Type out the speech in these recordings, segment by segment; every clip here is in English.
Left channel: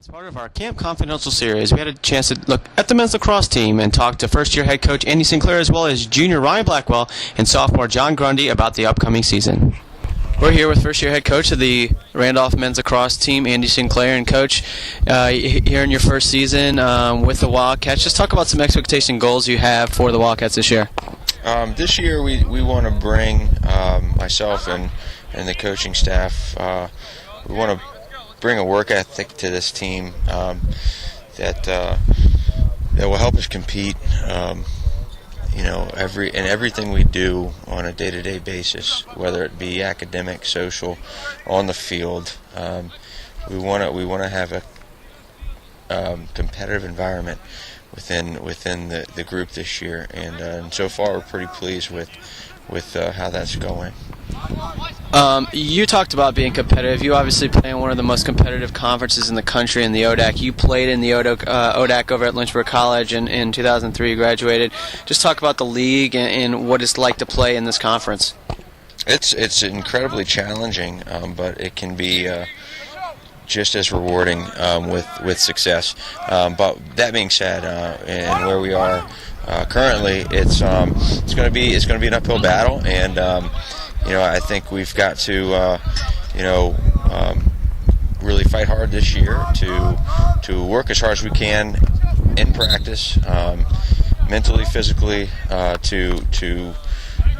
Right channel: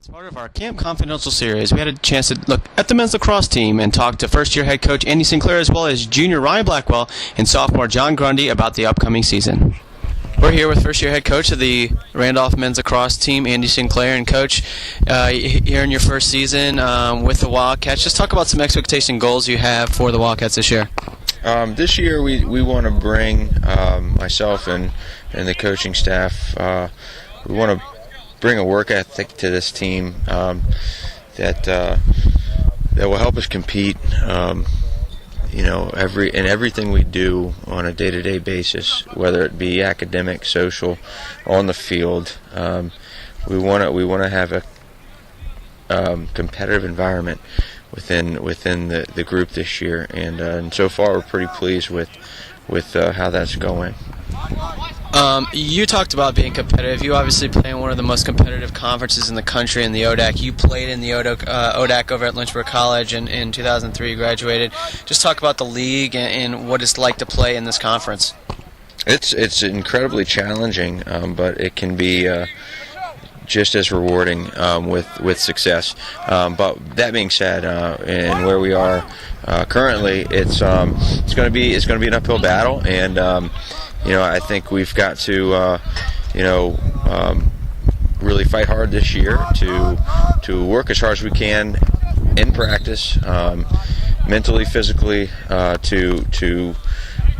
As part of our Camp Confidential series, we had a chance to look at the men's lacrosse team and talk to first-year head coach Andy Sinclair as well as junior Ryan Blackwell and sophomore John Grundy about the upcoming season. We're here with first-year head coach of the Randolph men's lacrosse team, Andy Sinclair. And Coach, here in your first season with the Wildcats, just talk about some expectation and goals you have for the Wildcats this year. This year we want to bring myself and the coaching staff, we want to bring a work ethic to this team that will help us compete. Everything we do on a day-to-day basis, whether it be academic, social, on the field, we want to have a competitive environment within the group this year, and so far we're pretty pleased with how that's going. You talked about being competitive. You obviously play in one of the most competitive conferences in the country in the ODAC. You played in the ODAC over at Lynchburg College in 2003. You graduated. Just talk about the league and what it's like to play in this conference. It's incredibly challenging, but it can be just as rewarding with success. But that being said, and where we are currently, it's going to be an uphill battle, and I think we've got to really fight hard this year to work as hard as we can in practice, mentally, physically, to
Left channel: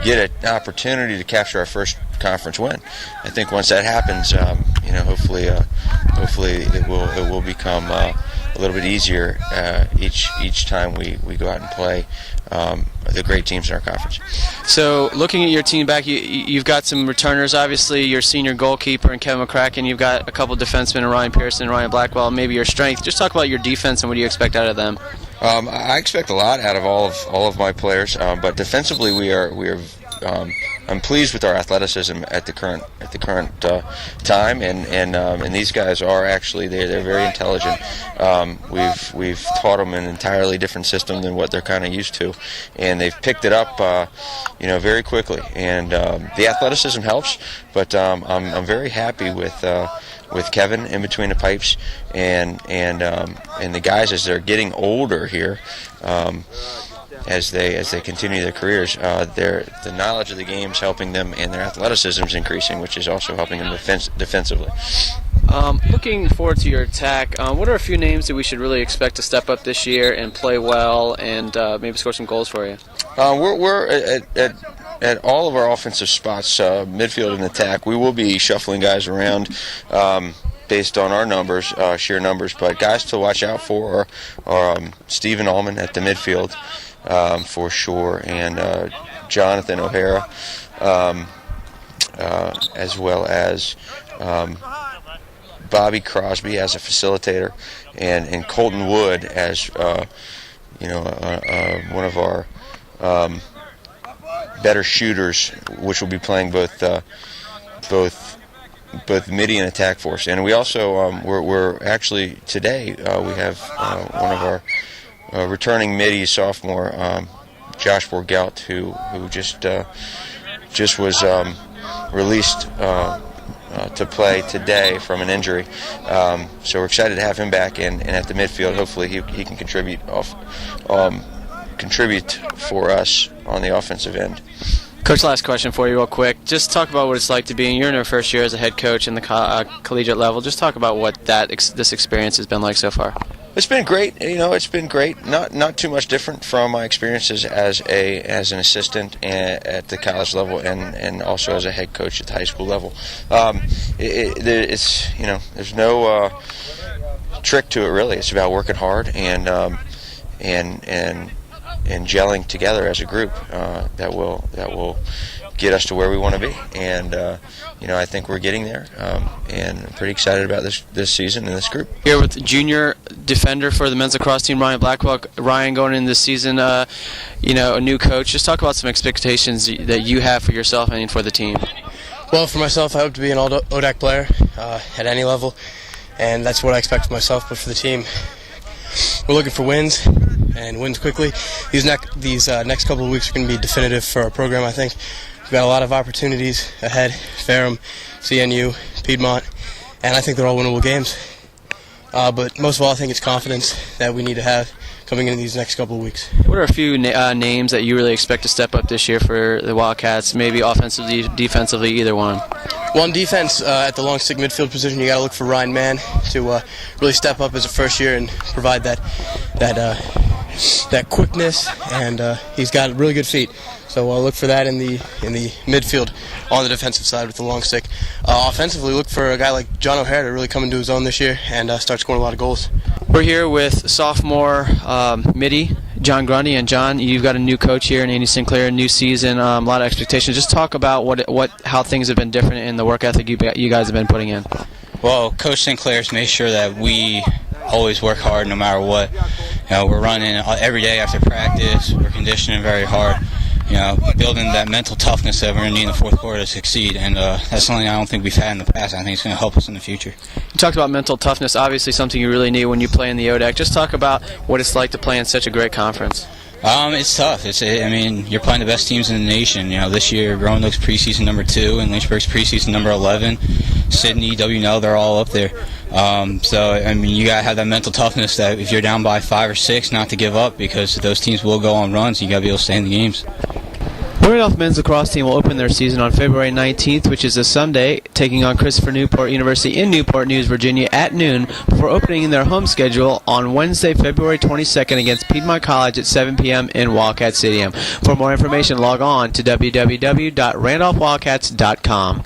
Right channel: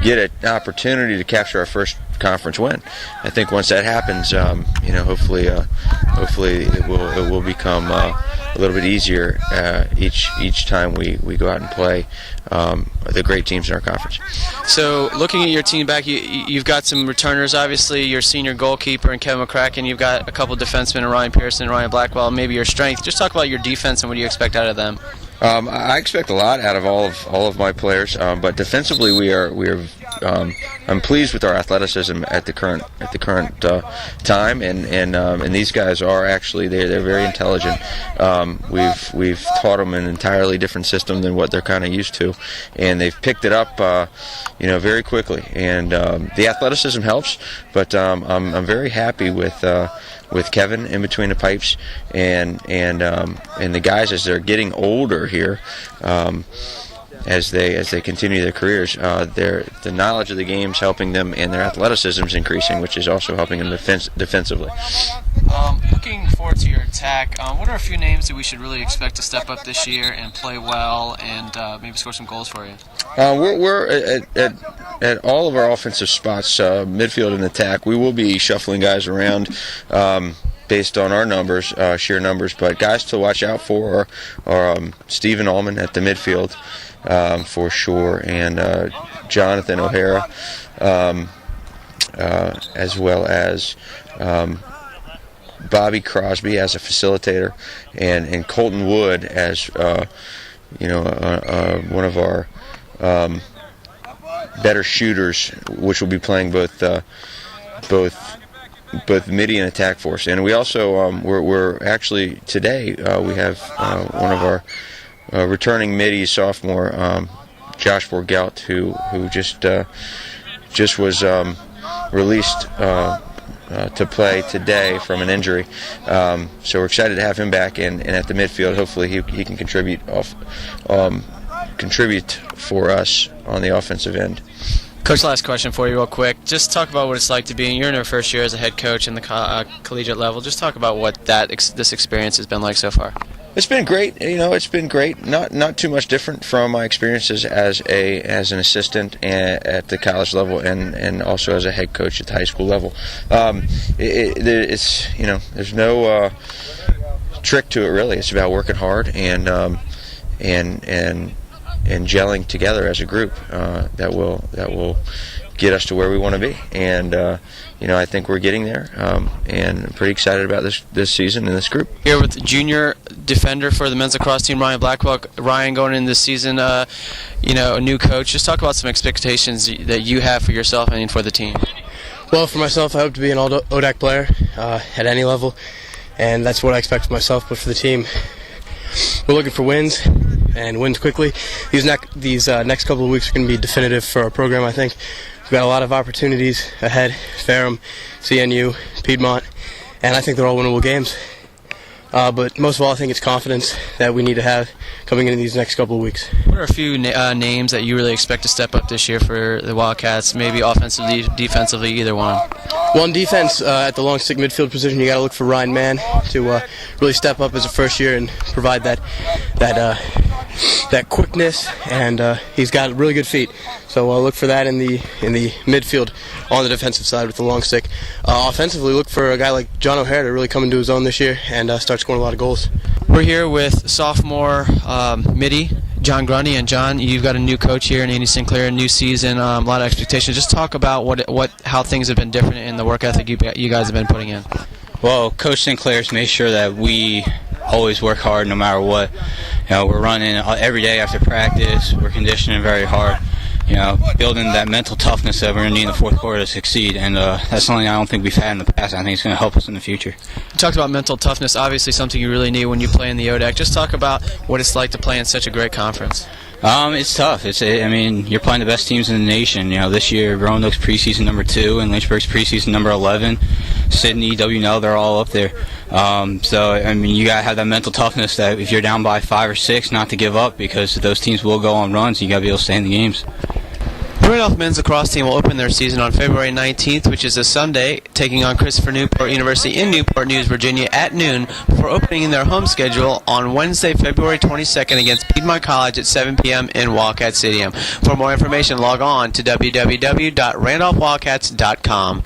get an opportunity to capture our first conference win. I think once that happens, hopefully it will become a little bit easier each time we go out and play the great teams in our conference. So, looking at your team back, you've got some returners. Obviously, your senior goalkeeper and Kevin McCracken. You've got a couple defensemen, Ryan Pearson and Ryan Blackwell. Maybe your strength. Just talk about your defense and what do you expect out of them. I expect a lot out of all of my players, but defensively we are. I'm pleased with our athleticism at the current time, and these guys are actually they're very intelligent. We've taught them an entirely different system than what they're kind of used to, and they've picked it up very quickly. And the athleticism helps, but I'm very happy with Kevin in between the pipes, and the guys as they're getting older here, as they continue their careers, the knowledge of the game is helping them, and their athleticism is increasing, which is also helping them defensively. Looking forward to your attack, what are a few names that we should really expect to step up this year and play well and maybe score some goals for you? We're at all of our offensive spots, midfield and attack. We will be shuffling guys around based on our numbers, sheer numbers, but guys to watch out for are Stephen Allman at the midfield, for sure, and Jonathan O'Hara, as well as Bobby Crosby as a facilitator, and Colton Wood as one of our better shooters, which will be playing both midi and attack for us. And we also we're actually today we have one of our returning midi sophomore, Josh Borgelt, who just was released to play today from an injury. So we're excited to have him back, and at the midfield, hopefully he can contribute for us on the offensive end. Coach, last question for you real quick. Just talk about what it's like to be in your first year as a head coach in the collegiate level. Just talk about what this experience has been like so far. It's been great. It's been great. Not too much different from my experiences as an assistant at the college level and also as a head coach at the high school level. There's no trick to it really. It's about working hard and gelling together as a group that will get us to where we want to be. And I think we're getting there, and I'm pretty excited about this season and this group. Here with junior defender for the men's lacrosse team, Ryan Blackwell. Ryan, going into this season, a new coach. Just talk about some expectations that you have for yourself and for the team. Well, for myself, I hope to be an all-ODAC player at any level, and that's what I expect for myself. But for the team, we're looking for wins, and wins quickly. These next couple of weeks are going to be definitive for our program, I think. We've got a lot of opportunities ahead, Ferrum, CNU, Piedmont, and I think they're all winnable games. But most of all, I think it's confidence that we need to have coming into these next couple of weeks. What are a few names that you really expect to step up this year for the Wildcats, maybe offensively, defensively, either one? Well, on defense, at the long stick midfield position, you got to look for Ryan Mann to really step up as a first year and provide that quickness, and he's got really good feet. So look for that in the midfield on the defensive side with the long stick. Offensively, look for a guy like John O'Hare to really come into his own this year and start scoring a lot of goals. We're here with sophomore midi, John Grundy, and John, you've got a new coach here, and Andy Sinclair, a new season, a lot of expectations. Just talk about how things have been different in the work ethic you guys have been putting in. Well, Coach Sinclair's made sure that we always work hard no matter what. We're running every day after practice. We're conditioning very hard. Building that mental toughness that we're going to need in the fourth quarter to succeed, and that's something I don't think we've had in the past. I think it's going to help us in the future. You talked about mental toughness, obviously something you really need when you play in the ODAC. Just talk about what it's like to play in such a great conference. It's tough. You're playing the best teams in the nation. This year, Roanoke's preseason number 2 and Lynchburg's preseason number 11. Sydney, WNL, they're all up there. You got to have that mental toughness that if you're down by 5 or 6, not to give up, because those teams will go on runs. You got to be able to stay in the games. The Randolph men's lacrosse team will open their season on February 19th, which is a Sunday, taking on Christopher Newport University in Newport News, Virginia at noon, before opening in their home schedule on Wednesday, February 22nd against Piedmont College at 7 p.m. in Wildcat Stadium. For more information, log on to www.randolphwildcats.com.